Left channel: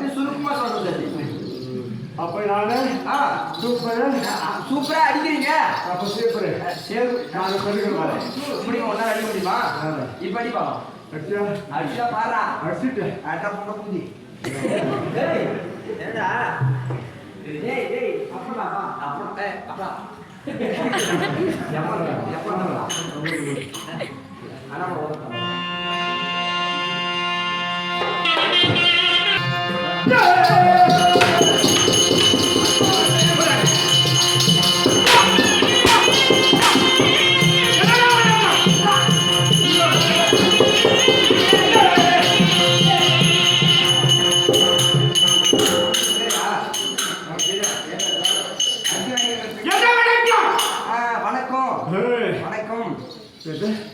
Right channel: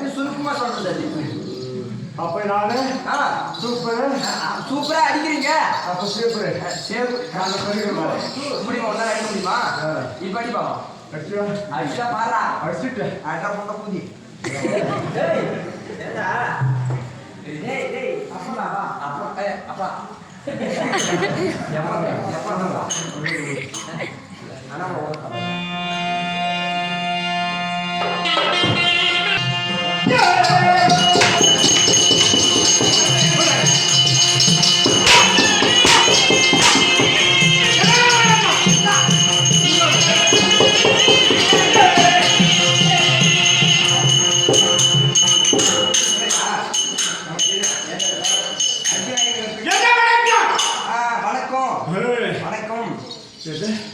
அப்படியே சுருக்கமா சொல்றது. அப்ப நானு சூப்பரா அடிக்கிறீங்க. அப்ப சூப்பர் நாங்க சொல்லிக்கிறோம். முடியுமா? ஒன்னா அடிக்க முடியுமா? இப்ப அடிப்பா. அடிச்சா பாரா. அடிச்சுட்டு அட்டா போட்ட பூதி. அப்பா அப்பா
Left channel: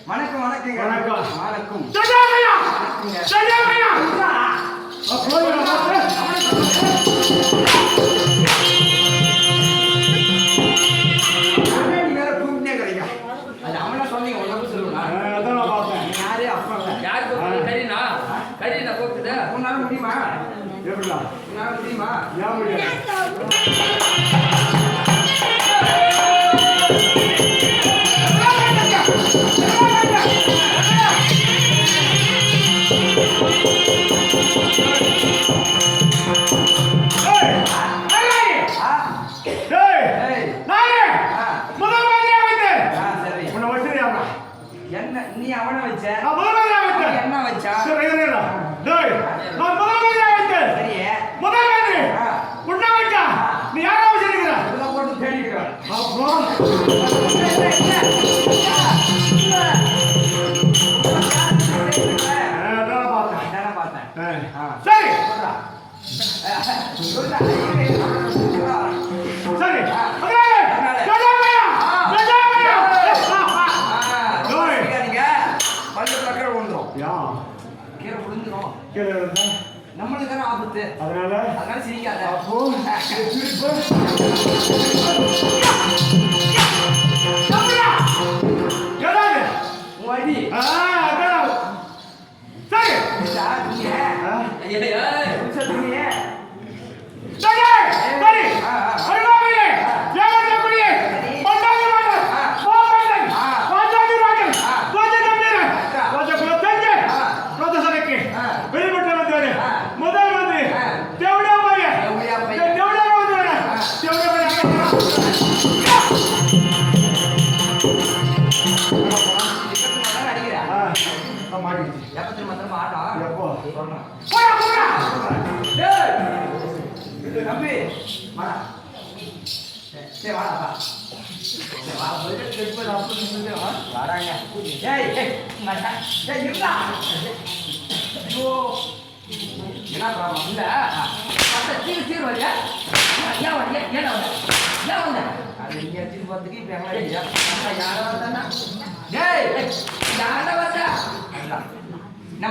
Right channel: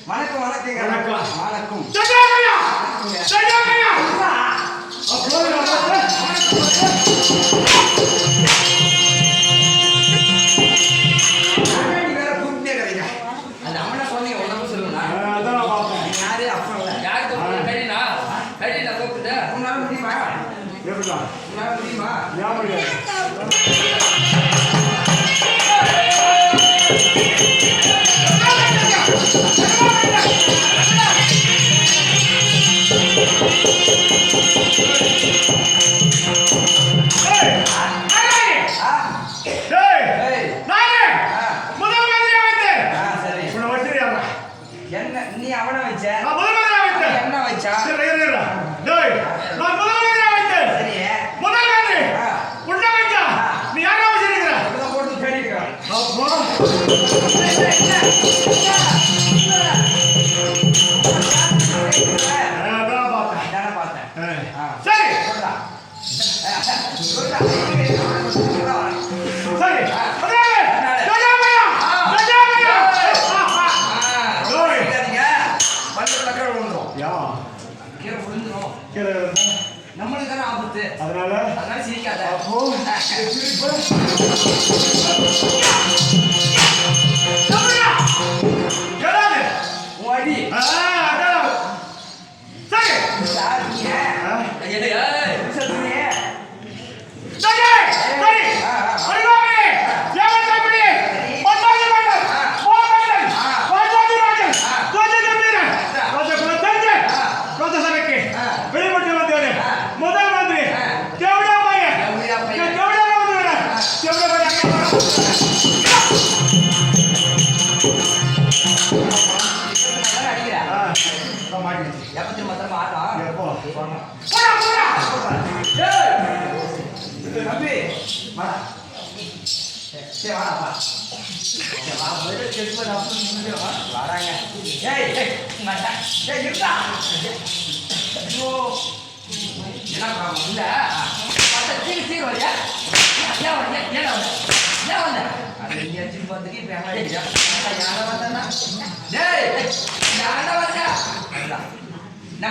வணக்கம் வணக்கம் வணக்கம். அது அவனா சொன்னீங்க ஒன்னும் சொல்லுங்க. அதான் பார்த்தேன். யாரு அப்பா யாருக்கு கரீனா கரீனா கூப்பிட்டு உன்னால முடியுமா? எப்படிடா உன்னால முடியுமா? ஏன் முடியாது? என்ன நீ அவனை வச்ச? என்ன வச்சா? சரி நீ யாரா வச்சிருக்கிற? போட்டு தேடிக்கிறா. பார்த்தேன். சரி நம்மளுக்கு தானே ஆபத்து. அதனால சிரிக்காத. அப்போ அடி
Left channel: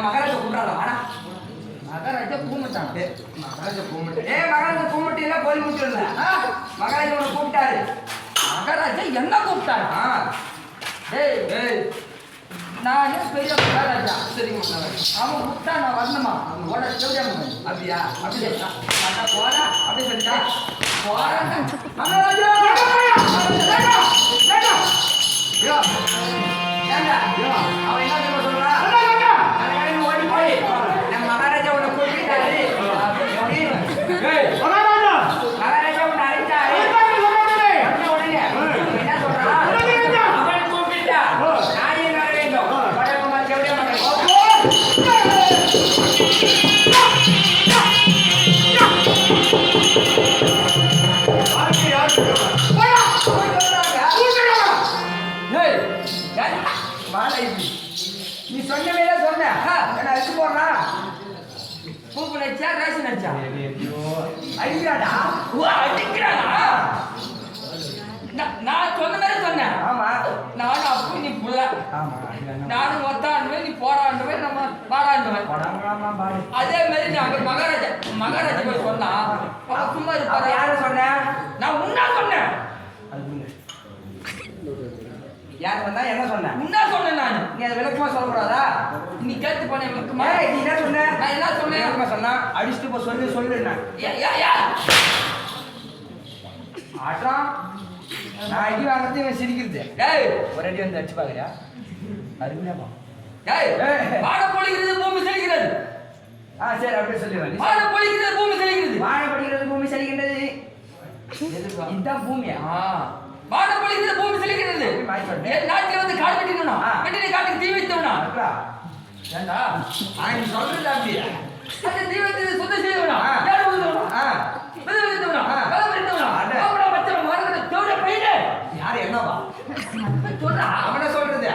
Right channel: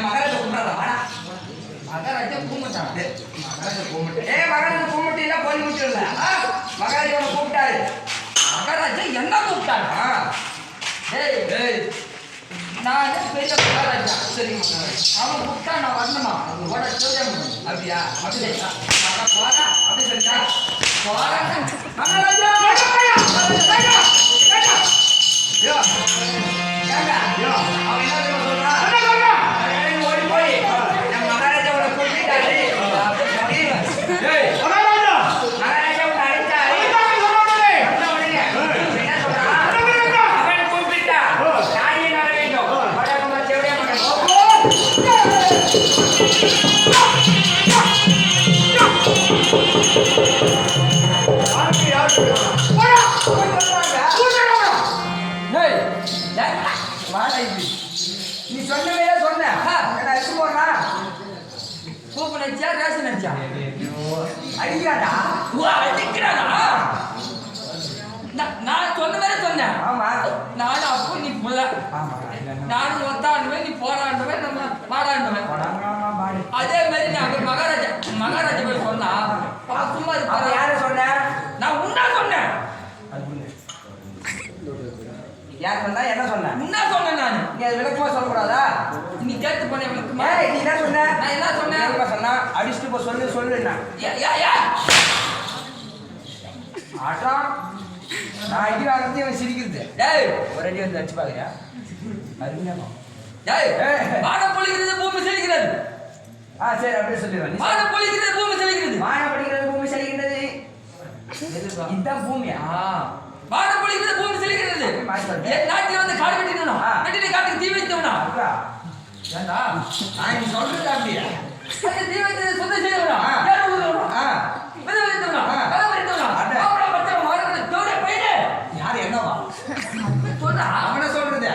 மகாராஜா கும்பிடாத. மகாராஜா கூப்பிட்டாங்க. மகாராஜா கூப்பிட்டு போய் முடிச்சிடல. மகாராஜாவோட கூப்பிட்டாரு. மகாராஜா என்ன கூப்பிட்டாரா? நானே பெரிய மகாராஜா. சரிங்க அவன் கூப்பிட்டா நான் வரணுமா? அவனோட அப்படியா? அப்படி போறா அப்படி சொல்லிட்டா போறாங்க. மகாராஜா அவன் என்ன சொல்றான்? ஓடி போய் நம்ம மகாராஜாவோட கூப்பிட்டாரு. மகாராஜா ஒன்று அழைத்தாரு. என்ன சொல்றான்? அவன் கூப்பிட்டா நானே வர வேண்டும். வடக்குமார் செவடியா மக்கள் நீ சொன்னவே சொன்ன அடிச்சு போடுறா. பூப்பு நடிச்சா ராசி நடிச்சா அடிக்கிறாடா. அடிக்கிறாடா. நான் சொன்ன மாதிரி சொன்னேன். ஆமா நானும் அப்போ நீ புள்ள. ஆமா நானும் ஒத்தாண்டுவேன் நீ போராண்டுவேன் நம்ம பாடாண்டுவேன். அதே மாதிரி நான் மகாராஜா போய் சொன்னா சும்மா இருப்பாரு. யார சொன்ன? நான் உன்னா சொன்னேன். யார் சொன்னா என்ன சொன்ன என்ன சொன்னேன் நான் நீ அது விளக்கமா சொல்லக்கூடாதா நீ கேட்டு போன விளக்குமா ஏய் நீ என்ன சொன்ன நான் என்ன சொன்னேன் விளக்கமா சொன்னா அடிச்சுட்டு போ சொல்லுன்னா ஆட்டம் நான் அடி வாங்குறது இவன் சிரிக்கிறது ஏய் ஒரு அடி வந்து அடிச்சு பாக்குறியா அருமையாமா ஏய் வானம் பொழிகிறது பூமி செழிக்கிறது சரி அப்படியே சொல்லிடுறேன் வானம் பொழிகிறது பூமி செழிக்கிறது வானம் படிக்கிறது பூமி செழிக்கின்றது இதுதான் பூமியா வானம் பொழிகிறது பூமி செழிக்கிறது என் நாட்டில் வந்து காடு வெட்டினா வெட்டின காட்டுக்கு தீ வைத்தவனா ஏண்டா நீ சொல்றது அப்படியா அது தீ வைத்தது சொந்த செய்தவனா யார் உள்ளவனா விதை வைத்தவனா கலை வைத்தவனா அவனா பச்சை மாறுறது தோட பையனே யார் என்னவா சொல்றா அவனை சொல்றது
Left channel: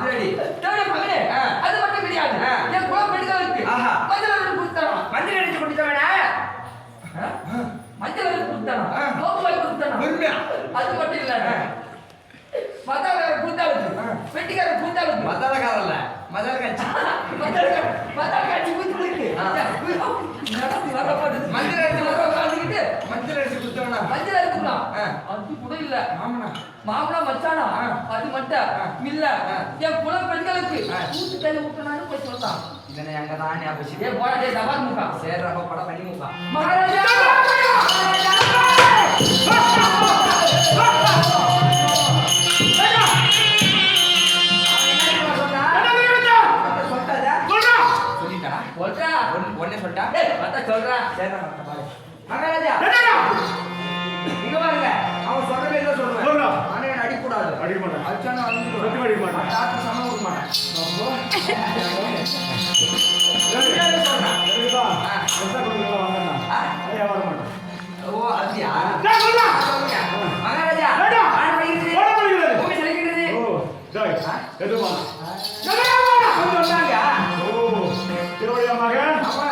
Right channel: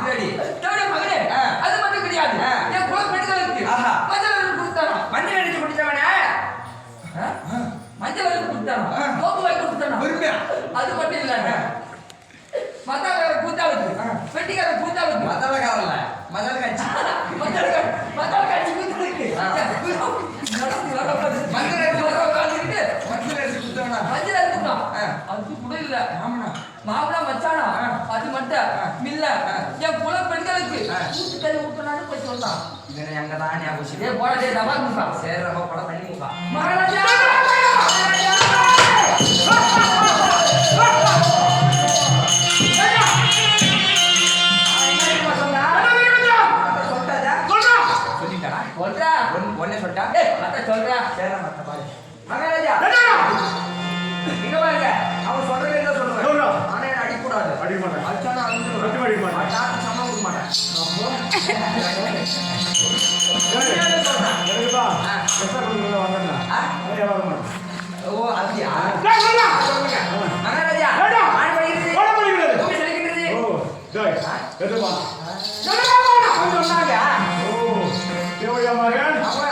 இதுடி தோட மகனே அது மட்டும் கிடையாது என் குல பெண்களுக்கு மஞ்சள் வரை கொடுத்தானா மஞ்சள் அடிச்சு குடிச்சவனே மஞ்சள் வரை கொடுத்தானா நோக்கு வாங்கி கொடுத்தானா அது மட்டும் இல்ல மத்தால கூத்தாவுக்கு வெட்டிக்கார கூத்தாவுக்கு மதாலக்காரல்ல மதால கட்சி மத்தால காட்சி கூத்துருக்கு மஞ்சள் அடிச்சு மஞ்சள் அடிச்சு குடுத்தவனா மஞ்சள் அடிச்சுக்கலாம் அது கூட இல்ல மாமனா மச்சானா அது மட்டும் மில்ல என் குல பெண்களுக்கு ஊத்து கறி ஊத்தனான்னு போய் சொன்னான் இதனை அங்க தான் ஞாபகம் ஏ போடா டபா முக்கா சரி ரொம்ப படம் பண்ணி முக்கா மகாராஜா சொல்றா ஒன்னே சொல்லிட்டா சொல்றா சரி மத்த பாரு மகாராஜா இங்க பாருங்க அவன் சொல்ற மாதிரி தான் சொல்லுவேன் ஆனா என்ன அடிக்கூடாது அடிக்க மாட்டேன் அடிச்சானா சத்தியமா அடிக்க மாட்டேன் தாத்த சமம் கொடுக்க மாட்டேன் ஓ அப்படியா சொல்லுங்க மகாராஜா ஆண் படிக்கிறது பூமி செழிக்கின்றது சொன்னாங்க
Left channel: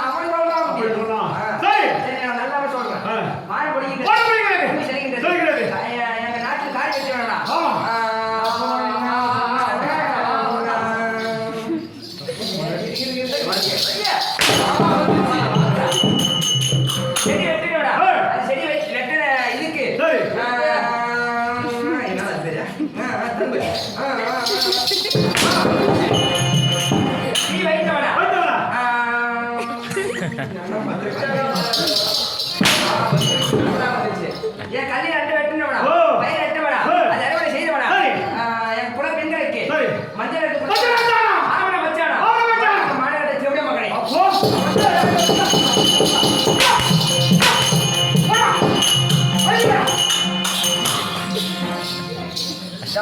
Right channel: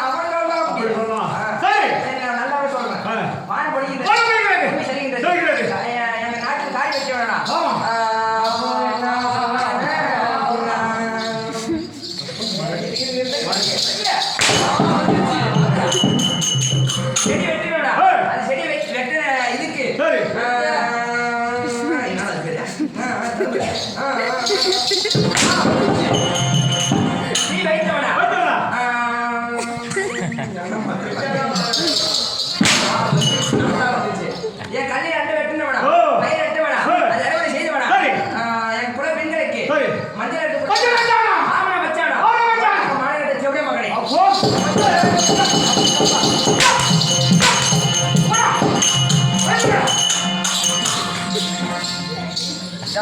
அவன் சொல்றான் சரி நான் நல்லாவே சொல்றேன் வானம் படிக்கிறது பூமி செழிக்கின்றது எங்க நாட்டுல காய் வைக்க வேணாம் செடி வெட்டினோடா அது செடி வெட்டின இதுக்கு என்னடா பேரு நீ வைத்தவனா என் கல்லை ரெண்டு வெட்டினவனா பயிர் வெட்டவனா அது அறுவடை செய்தவனா என் குல பெண்களுக்கு மஞ்சள் எடுத்து மாமன வச்சானா மாநிலத்தை செவிட மகனே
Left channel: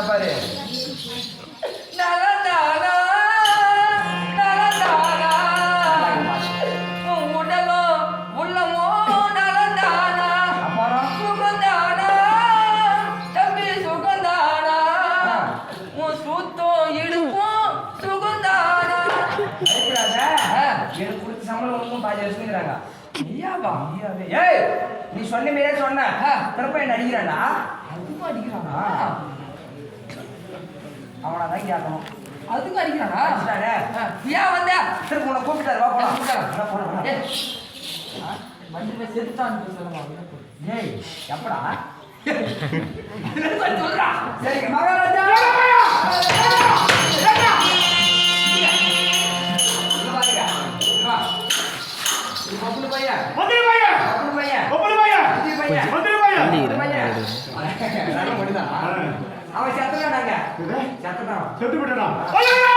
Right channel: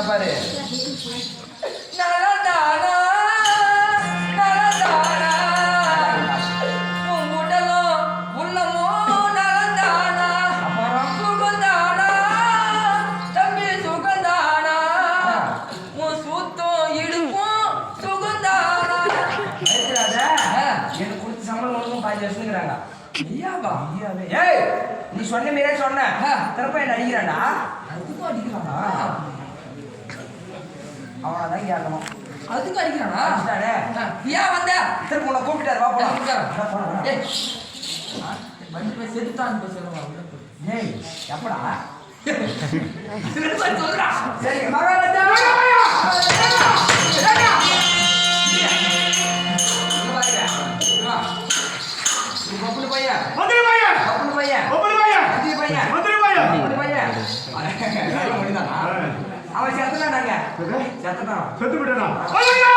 பாரு உடலும் உள்ளமோ நலந்தானா அப்புறம் சுகந்தானா தம்பி சுகந்தானா உன் சுத்தம் இடுக்கும் சுகந்தானா எனக்கு கொடுத்த சம்பளம் ஒன்றும் பாதி வச்சுக்கிறாங்க ஏய் நீ சொன்ன மாதிரியே சொன்ன திருப்ப என்ன அடிக்கிறான்டா அதுக்கும் அடிக்கிறானா அவனாதான் கேட்கணும் அதுக்கும் அடிக்கிறானா அடிச்சிட்டானே ஏன் வந்த திரும்ப உன்னை கூப்பிட்டாரு வா போலாம் போலாம் வந்து போய் செத்துட்டான்னு போய் சொல்லுங்க ஏய் எப்படா சொல்றா சரி மகாராஜா பப்புனு பையன் மந்திரி பையன் பப்புனு பையன் ஒப்பனை பையன் மந்திரி பையன் மந்திரி பையன் பப்புனு பையன் அவன் செத்துதான் நாங்க செத்துதான் செத்து விட்டனா ஐயோ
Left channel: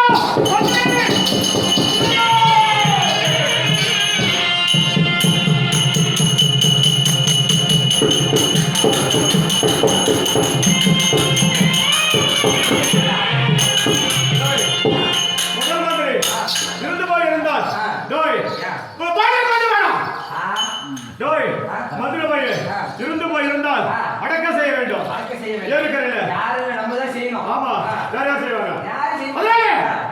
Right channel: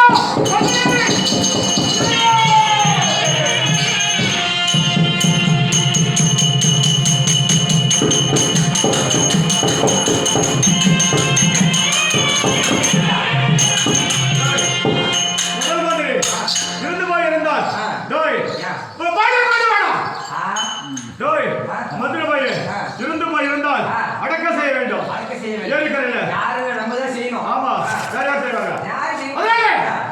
முதல் மந்திரி இருந்து போய் இருந்தால் டோய் பாடு பாடு வேணாம் டோய் மந்திரி பையன் இருந்து போய் இருந்தால் அடக்கம் செய்ய வேண்டும் வாழ்க்கை செய்ய வேண்டும் ஏரிக்கரையில யாரு நம்ம தான் செய்யணும் ஆமா யார் செய்வாங்க யாரு செய்யணும் அதே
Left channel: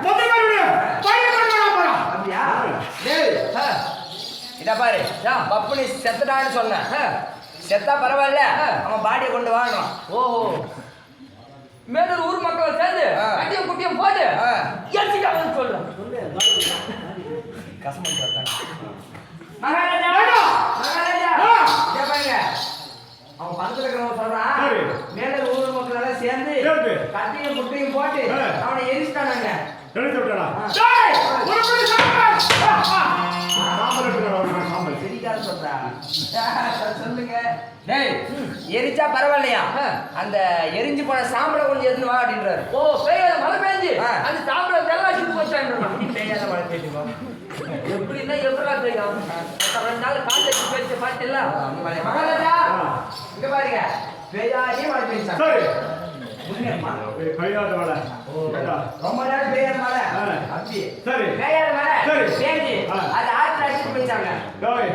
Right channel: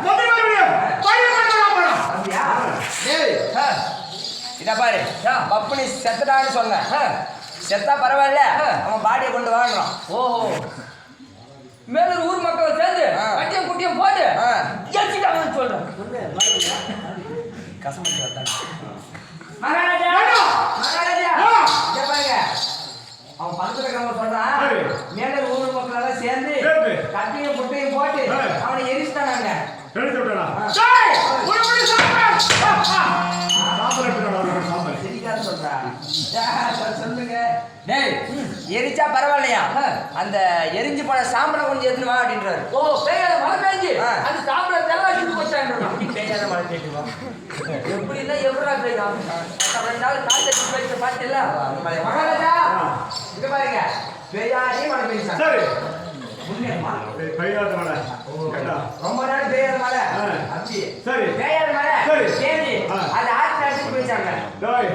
மந்திரி பையன் பாடு பாடு வேணாம் அப்படியா டேய் இத பாரு பப்புனி செத்துட்டான்னு சொன்ன செத்தா பரவாயில்ல அவன் பாடியை கொண்டு வாங்கணும் ஓஹோ மேலூர் ஊர் மக்கள் சேர்ந்து கட்டியம் குட்டியம் போட்டு ஏற்றிட்டாங்கன்னு சொல்றேன் கசமட்டி வந்தாங்க மகாராஜா மகாராஜா இத பாருங்க அவன் பக்கத்துல இருக்கிறவங்க சொல்றான் சரி. மேல ஊர் மக்கள் எல்லாம் சேர்ந்து கட்டையும் முட்டையும் போட்டு அவனை எரிச்சுட்டானாங்க. எழுத்து விட்டாடா. டேய் ஒரு மணி சாம்பல். சாம்பல் எடுத்துடா ஒரு மணி சாம்பல். சரிக்கார சொல்றா. சொல்லுங்க. டேய் எரிச்சா பரவாயில்லையா? அந்த எரிஞ்சு போன சாம்பலை கொஞ்சம் எடுத்து வா அப்படின்றாரு. ஓ பெய்யாத மழை பெய்ஞ்சு அந்த சாம்பலை தெல்லாம் வச்சுட்டு போச்சான். பெய்யாத மழை பெய்யுது வா. எப்படின்னா எவ்வளோ பெய்யும்? 2 நாள் காய்ச்சி பேச்சு பாட்டில்ல மகாராஜா இங்க பாருங்க பெய்யாதே மழை பெய்யுது. சரி. உண்மையா? பெய்யாத மழை. ரொம்ப நேரம் பெய்யாத மழை. அப்படி. சரி. பெய்யாத மழை. சரி. பேஞ்சி அது ஆற்று அடிச்சு போயிச்சாங்க. டேய்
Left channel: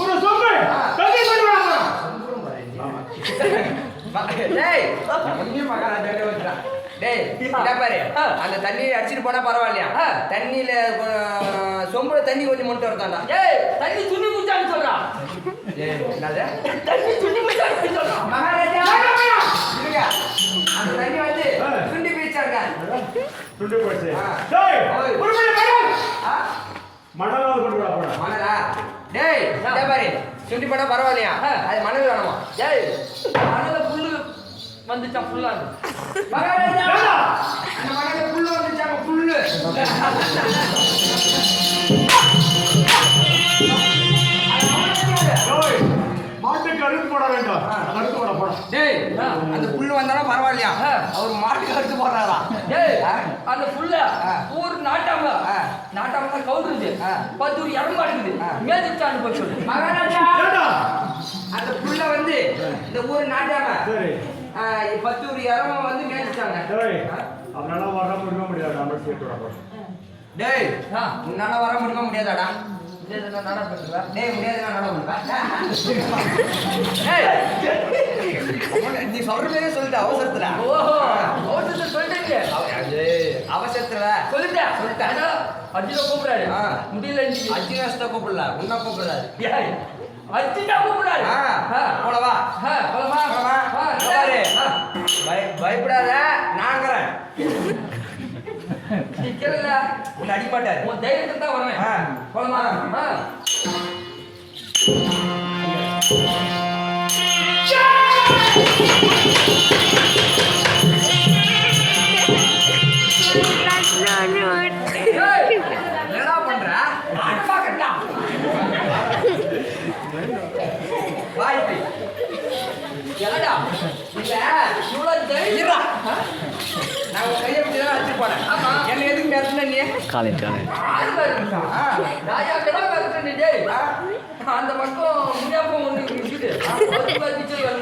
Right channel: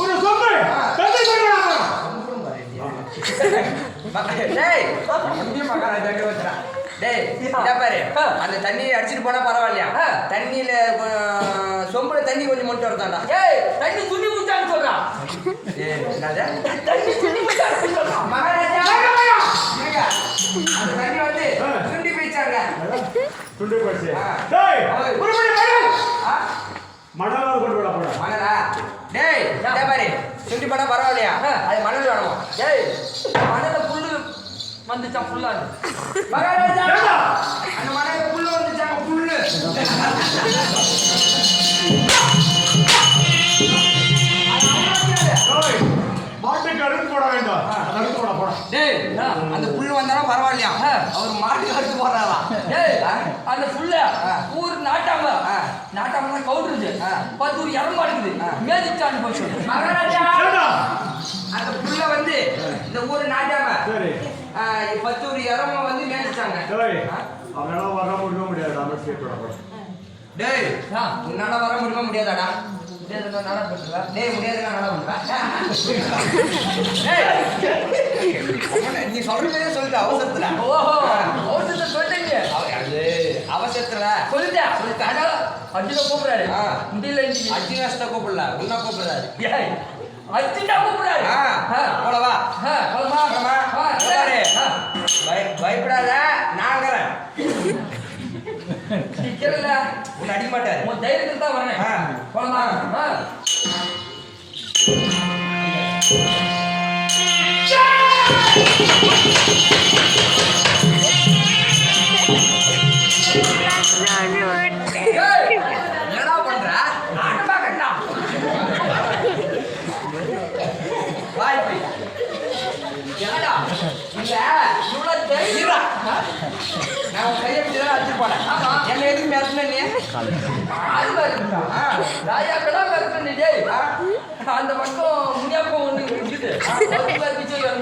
ஒரு சொம்பு தண்ணி கொண்டு வா. டேய் எப்படி மகாராஜா வச்சா? டேய் இத பாரு அந்த தண்ணியை அடிச்சிட்டு போனா பரவாயில்லையா? தண்ணியில சொம்புல தண்ணி கொஞ்சம் மொண்டு வரதாண்டா. ஏய் தண்ணி துணி முச்சான்னு சொல்றான். ஏய் என்னது? தண்ணி துணி முச்சான்னு சொல்றான். மகாராஜா இருங்க. அந்த தண்ணி வந்து சுண்டி போயிச்சாங்க. துண்டு போச்சு. டேய் ஒரு மணி மணல். மணல் கொண்டு வா போடா. மணலா? டேய் இத பாரு சுண்டி போனா பரவாயில்லையா? அது மணல் வேணுமா? ஏய் மணல புல்லு வந்துச்சான் ஃபுல்லா. மகாராஜா அந்த மணல புல்லு வந்துச்சாங்க புல்லு. மாட்டுக்கு அறுத்து போட வேண்டாம். அறுத்து போட போடா. டேய் அந்த புல்லு வந்தாலும் பரவாயில்லையா? அவர் மாட்டுக்கு அறுத்து போடுறாரா? டேய் அந்த புல்ல ஊர் நாட்டாம நாட்டாம கவுடுது 10 ஊர் இறம்ப அடிக்குது மேதிச்சான்னு போய் சொல்லு. மகாராஜா ஏண்டா அந்த புல்ல வந்து இந்த ஊர் நாட்டாம சரி 10 ஊர் இறம வந்து மேதிச்சாங்க. டேய் அவனால வர முடியாது. நம்ம சேர்த்து விட போடா. டேய் உன்னால வர முடியாதாடா? நட பண்ணுவேன். டேய் முடியாதுன்னா நட பண்ணுவேன். டேய் நீ சொல்றதே சொல்லிட்டு அவசரத்துல. ஓஹோ அவசரத்தை சொல்லிட்டீங்க. அவசரத்துல சொல்லிட்டேன். அர்ஜுன கூப்பிடாரு முடியல. அர்ஜுனஸ்ட கூப்பிடல உன்ன கூப்பிடுறாரு. அர்ஜுனா கூப்பிடாரு. போலவா போலமா பயப்படாத நாங்கிறேன். நிக்கல உன்னை அடிக்க மாட்டாரு. உன் தைரியத்துக்கு தான் வரேன். போலமா என்னடா பண்ற? வாய்ப்பு என்னடா இல்ல இவ்வளவு தைரியம். நான் கையை இப்படிதான் வச்சு போனேன். என்ன எதுக்கு மிரட்டின நீ? ராஜாக்கெல்லாம் மிரட்டுறேன். டேய் அந்த பக்கம் முனியாப்பம் ஒண்ணு இருக்குது.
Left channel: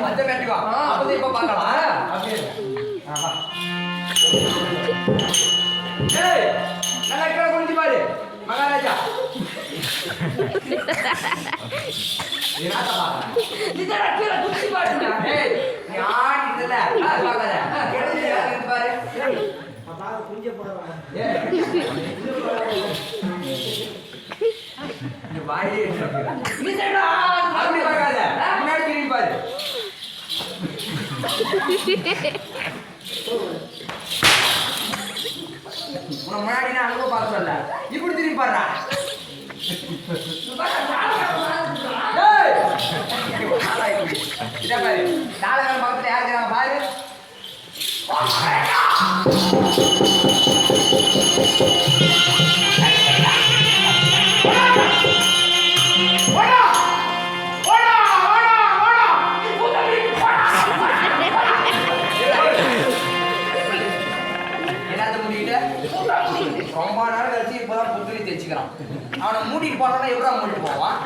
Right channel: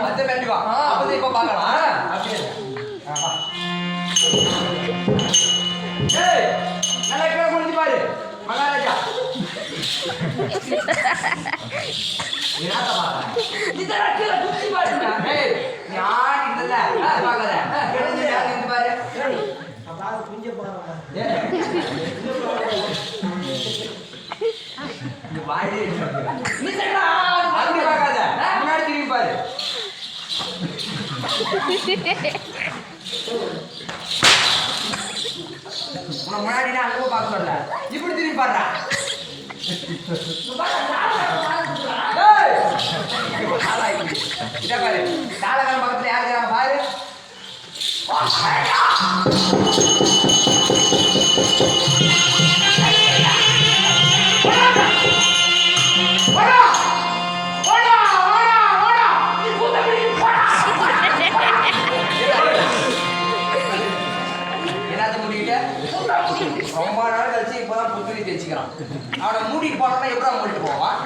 அந்த மிரட்டி வா. அப்பதான் இப்ப பார்க்கலாம். அப்படியே ஏய் நல்லா கீழே குளிச்சு பாரு மகாராஜா. என்னடா பாக்க? இதெல்லாம் கீழே குத்தி பாருடா. ஏய் யார் இல்ல பார்க்காத. கெடுஞ்சு இருந்து பாரு. இந்த வாயிலே அப்படி பார்க்காத. முன்னாடி திரும்பி பாரு. உன முன்னாடி நான் அனுபவம் பார்க்க சொல்ல. இப்படி திரும்பி பாருடா. இதை பாரு தாளகாலம் பக்கத்துல யார் இருக்கிறாங்க பாரு. என்னது முடியல ரொம்ப நாள் கழிச்சு இப்பதான் புத்துணி தைச்சுக்கிறான். அவனை மூடிட்டு போனா எப்படா மூடிட்டு போவான்?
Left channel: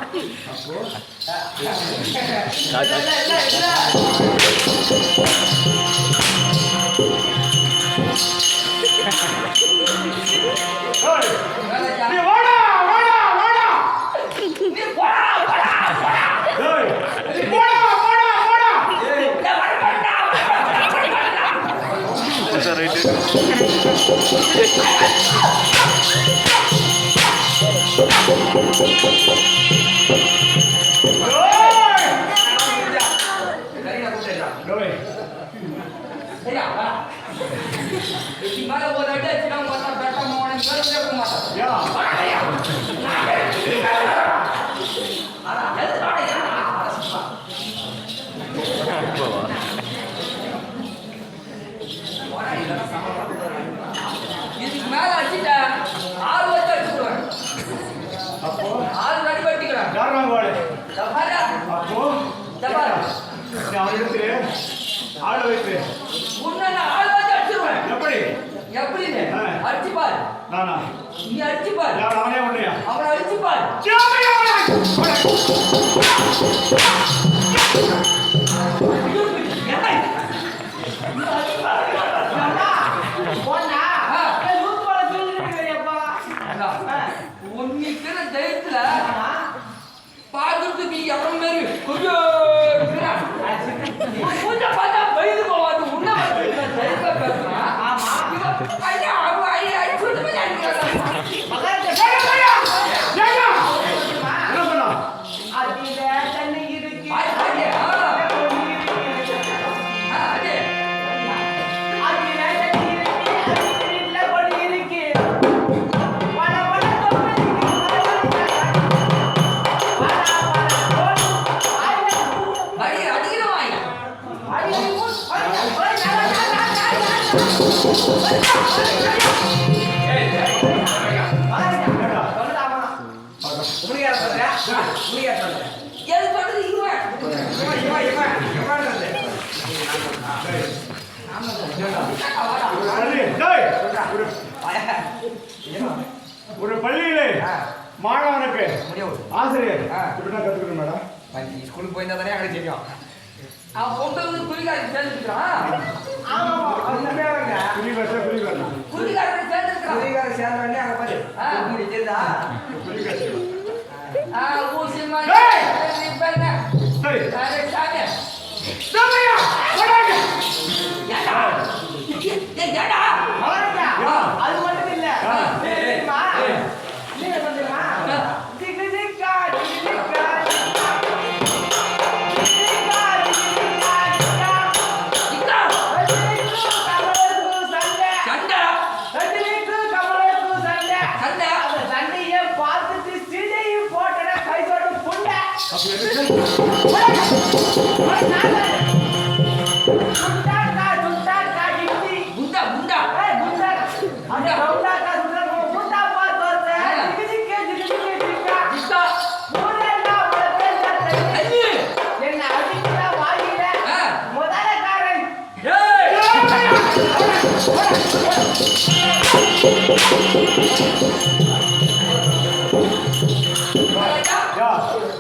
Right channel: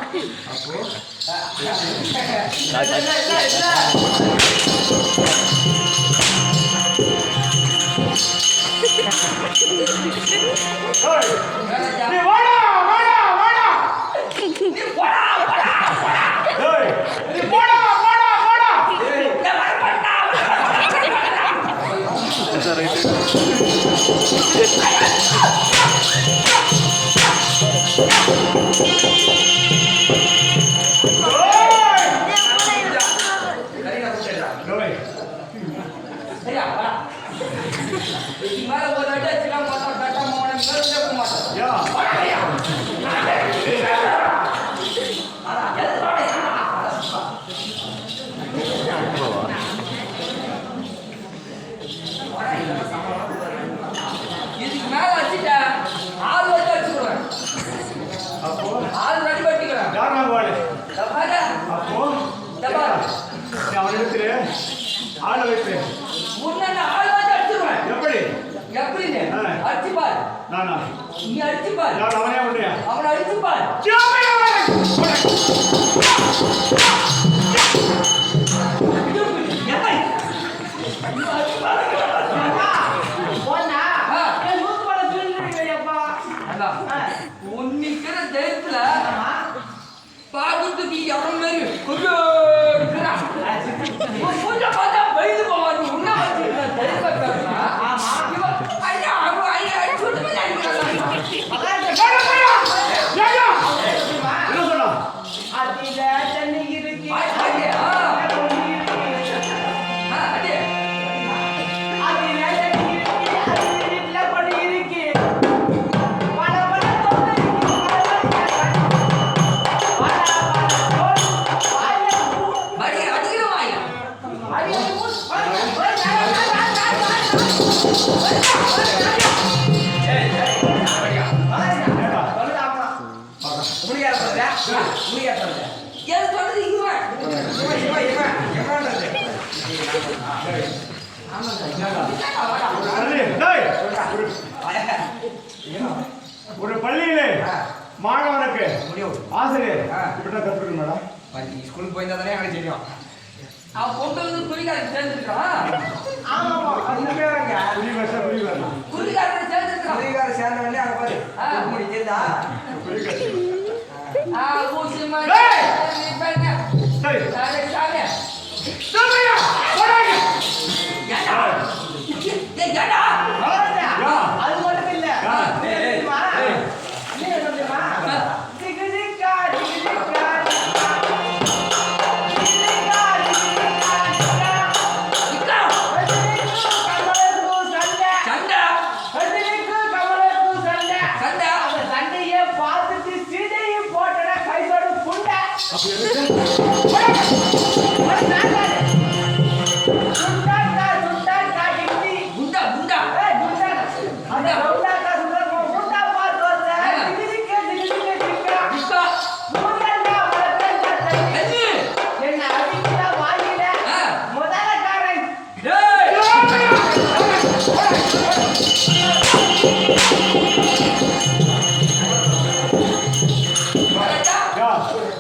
சரியா வா. இதுக்கு மேல ஒரு அடி அடிச்சுக்கலாம் பார்த்தா கரெக்டா போன மேல கேட்க மாட்டான். யா அட எது வாடா. நீ அவனிடத்திலே ஆள வைப்பேன். உன்னை நான் ஆள் வச்சு அடிச்சிருவேன். எப்படி எப்படின்னு அடிச்சு பாரு. நானா நீ அடிச்சு பாரு. யார் அவனே உன்னையா? அவனை அடிச்சு பாரு. உன்னிக்கிற தைரியத்துல பாக்குறதுக்கு இடம் மாரி பூஜை பார்த்தா வயது போவாது. உன்ன தைரியமா பேசுறான். ஐயா ஐயா அடிச்சு என்ன சொன்னா? ஒரு பள்ளியிலே மாணவனுக்கு ஆசிரியர் இப்படிதான் கத்துக்கணும் மேடம். ஸ்கூலுக்கு போயிருந்தா தானே எனக்கு தெரியும். அவன் பொங்கல் குறிகாரன் சேர்ந்துருக்கான். குறிகாரன் சேர்ந்துருக்கான். குறிகார சேர்ந்த உடனே அங்க பாரு முடி தெரியுதா? அது மட்டும் இல்ல நீங்க சொல்லுமா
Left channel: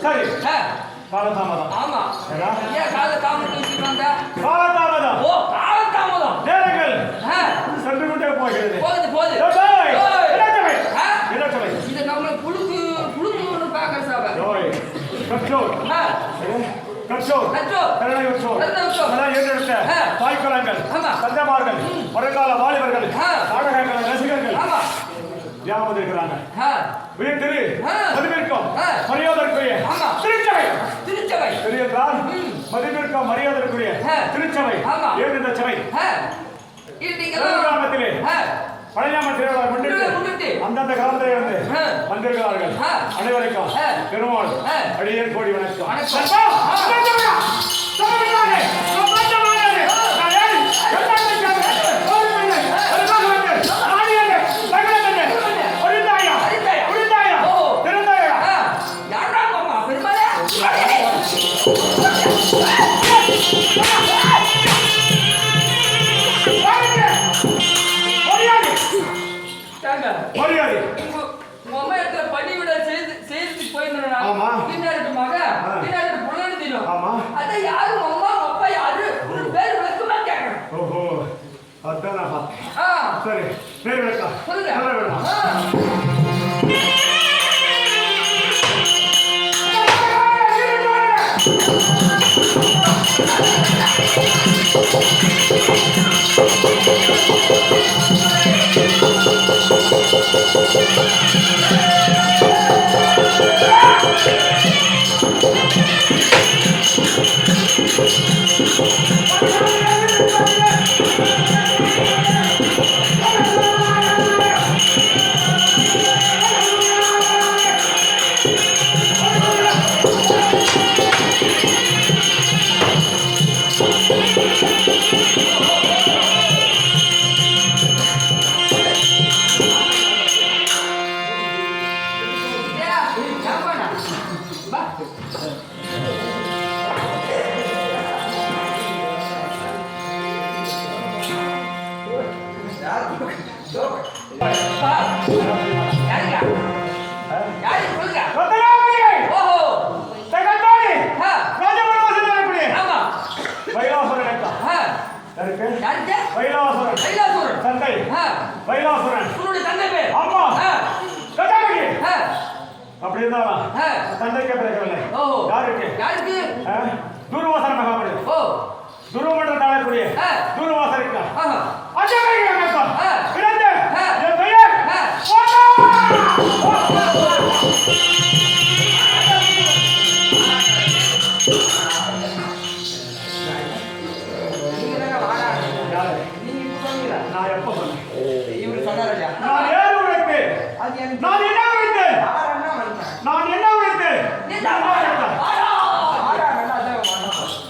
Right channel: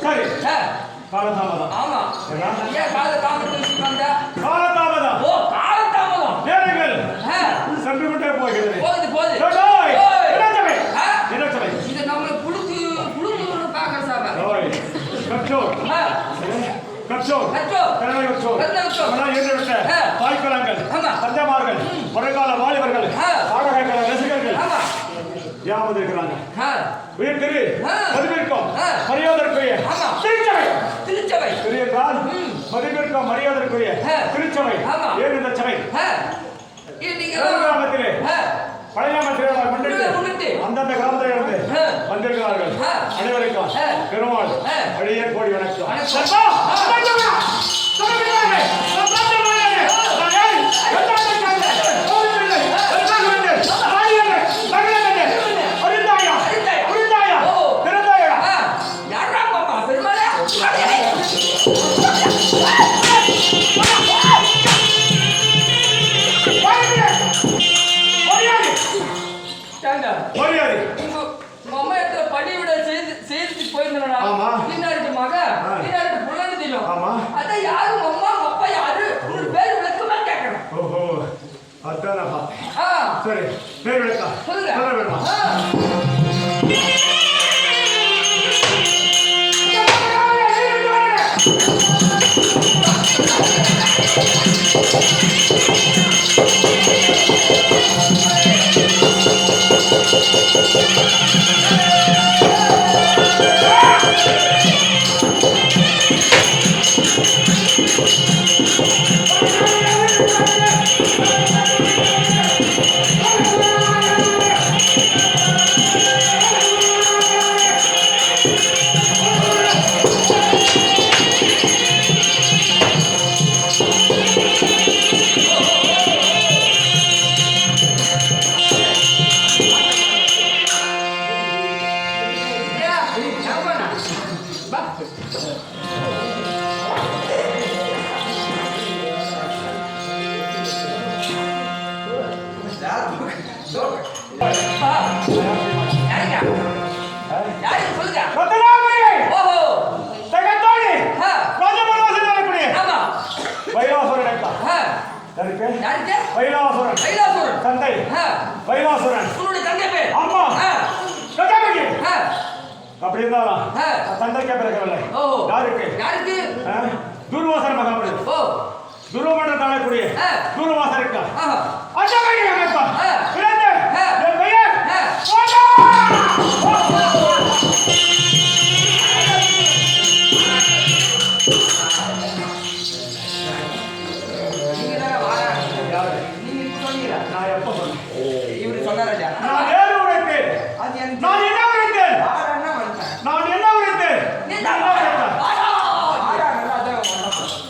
சரி காலதாமதம். ஆமா ஏன் காலதாமதம்? காலதாமதம். ஓ காலதாமதம். நேரங்கள் சென்று கொண்டே போகிறது. போகுது போகுது. என்ன சொல்லை? இது நம்ம புழுக்கு புழுக்கு பார்க்க சார். கற்றோர் கற்றோர் கருணை கற்றோர் தாய்க்குளங்கள் தஞ்சமார்கள் வருங்கால வாலிபர்கள் நாடகங்கள் ரசிகர்கள் யாவது இருக்கிறாங்க. உயர்திரு மதிப்பிற்கும் மரியாதைக்குரிய திருச்சபை. திருச்சபை பெரியதால் மதிப்பிற்கும் மரியாதைக்குரிய திருச்சபை. ஏன் இந்த சபை கிராமத்திலே பழையாம திருவிழா முன்னிட்டு அந்தந்த கிராமத்திலே இருந்து வந்திருக்கிறார்கள். அனைவருக்கும் பெருமாள் அடியேன் கோடி வணக்கம். சரி பேர் விளக்கம் சொல்ல வேணுமா? யாருங்க யாரு சொல்லுங்க ரத்னாவதி ஓஹோ தகத்தாடி ஆ, ராஜபலவாசன் வரக்கூடிய ஆமா வைலாசுரன் அக்கா ஆ, யாருக்கு யாருக்கு வைலாசுரன் கைலாசூரன் தந்தை ஆ, வைலாசுரன் உன்னுடைய தங்கை பேர் அம்மா ஆ, கட்டாமி ஆ, அப்படி இருந்தாலும் ஆ. தந்தைக்கு பிறக்கவில்லை ஓஹோ யாருக்கு யாருக்கு துர்வாசன மகாபலி ஓ துருவமன்ற தாழக்கூடிய ஆ. துர்வாசன் இருக்கா ஆஹா அஜமணி அமைப்பா ஆ. பிறந்த ஆ. என் பெயர் ஆ. ஓட்டா நீங்க தானே வாடா யாரு? நீங்க இப்ப சொன்னீங்களா நான் எப்ப சொன்னேன் இவரு சொன்னாராஜா நான் ஏறு உரைத்தேன் அது எனக்கு நான் என்ன உரைத்தேன் வாடான்னா வந்துட்டேன் நான் என்ன உரைத்தேன் நீதான் என்ன உரைத்தேன்? வாடா. வாடா நல்லா அதான் வந்தேன்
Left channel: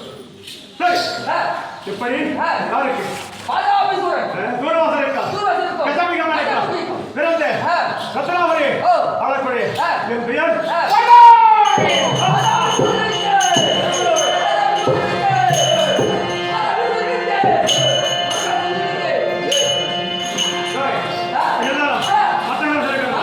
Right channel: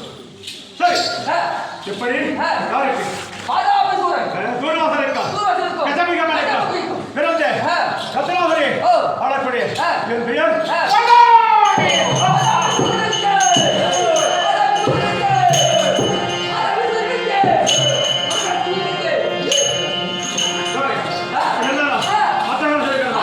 சரி ஆ, எப்படி ஆ. யாருக்கு பாதாபிசூரன் துர்வாசன் இருக்கா தூரத்தில் இருக்கும். கஜாமிக மலைக்கா கஜாமிகம். பிறந்த ஆ. ரத்னாவதி ஓ. ஆளக்கூடிய ஆ. என் பெயர் ஆ. ஓட்டா சரி என்னடா மத்தவங்க சொல்லிக்கிறாங்க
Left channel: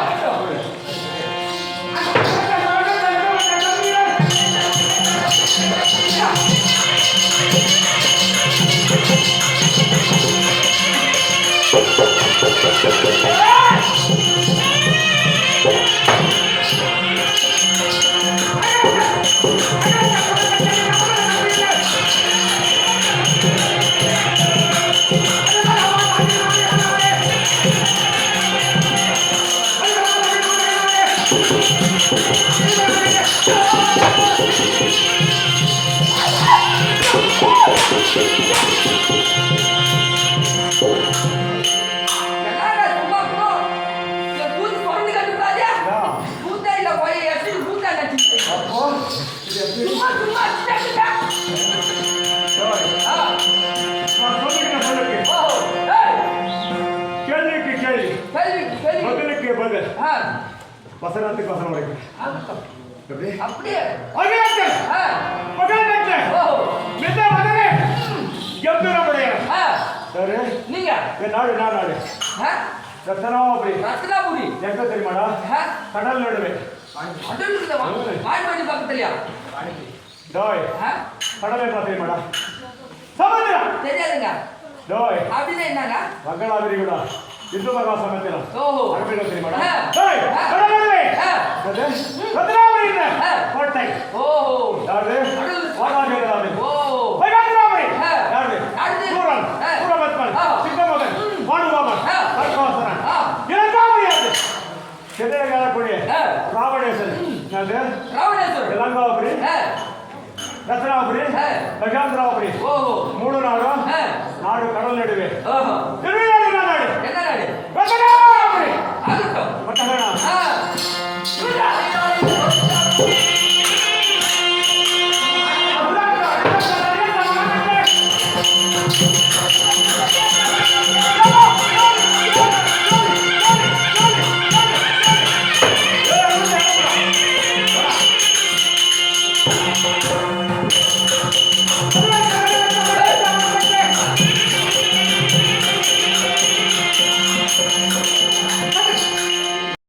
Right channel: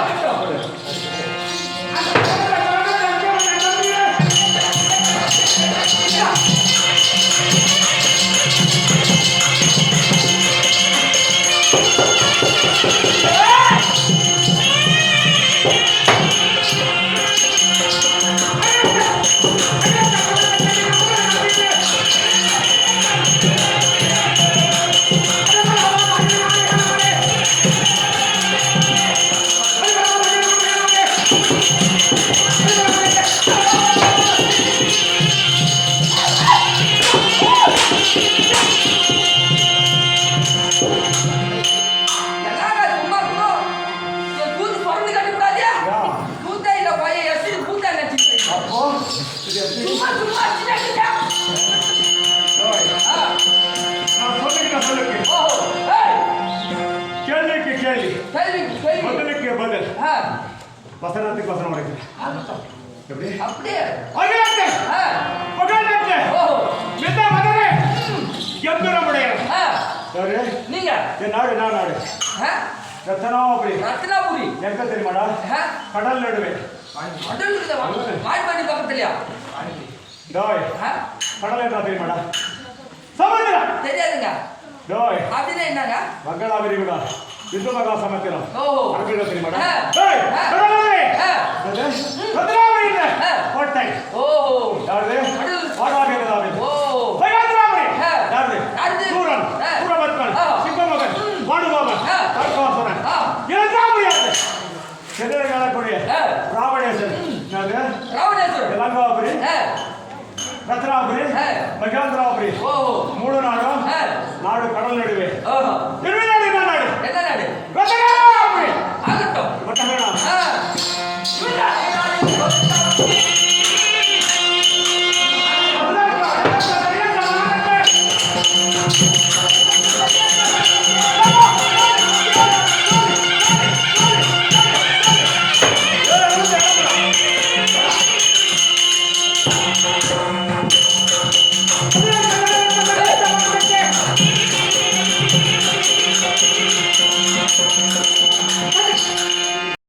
என்னடா சும்மா இருக்கணும்? என் கூத்து பிறந்து கட்டிக்கூடாதா? கூத்தா இல்ல போய் எஸ்டி கூத்தா நடிச்சிட்டு. அப்போ இது எப்படி? சும்மா அடிச்சுட்டா. ஆ, நான் சொல்லுகிறேன் சொல்லுங்க ஓஹோ, ஏய், கேள்விக்கு கேள்வி கேள்வி, கேள்வி. பதிலுக்கு பதில் ஆ, வசனத்துக்கு வசனம் வரைக்கும் ஆகட்டும். எப்படி அப்படியே. அகிலத்து ஆ, பகல்நட்டு ஓஹோ, மித மதனே எம்புரமுடைய ஆ, யாரு நீங்க என் நாடு நான் நாடு ஆ, ரத்னாபுரி ரத்னாபுரி எங்க தெரியுமாடா ஆ, கடல் நடுவே கடல் இருக்குதா? வாய்மொழி பக்கத்துலயா? டோய் ஆ, கடல் என்ன தெரியுமாடா சமுத்திரம் தெரியாதுங்க. டோய் அப்படின்னா என்னங்க? மங்களா விரிகுடா இந்து மகா சமுத்திரம் ஓஹோ, அரபில தெரியுமாடா ஆ. டோய் ஆ. கடல் நடுவே ஆ. ரத்னாபுரி ஆ. கோட்டை ஓஹோ, யாரு கடல். வாடாபேரதாவி ஓஹோ, வைகாந்திராபுரி ஆ. யாரு யாரு? சூரன் ஆ. சூரபத்மன் ஆ. சிங்கமகன் பாண்டுபாமன் ஆ. கர்கவாசனன் ஆ. இரண்டாம் யாரு செதிர காலக்கூடிய ஆ. ராவணேசன் யாரு ராவணேஸ்வரர். லங்காபுரி ஆ, ரத்னாபுரி ஆ. வைகாந்திராபுரி ஓஹோ, மூணு நாடும் ஆ. நாடு கடல் நடுவே ஓஹோ, திருவிழாடு என்ன நாடு என்ன நாடு? ரத்னாபுரி ஆகட்டும். மட்டங்கடா ஆ, ரத்னாபுரி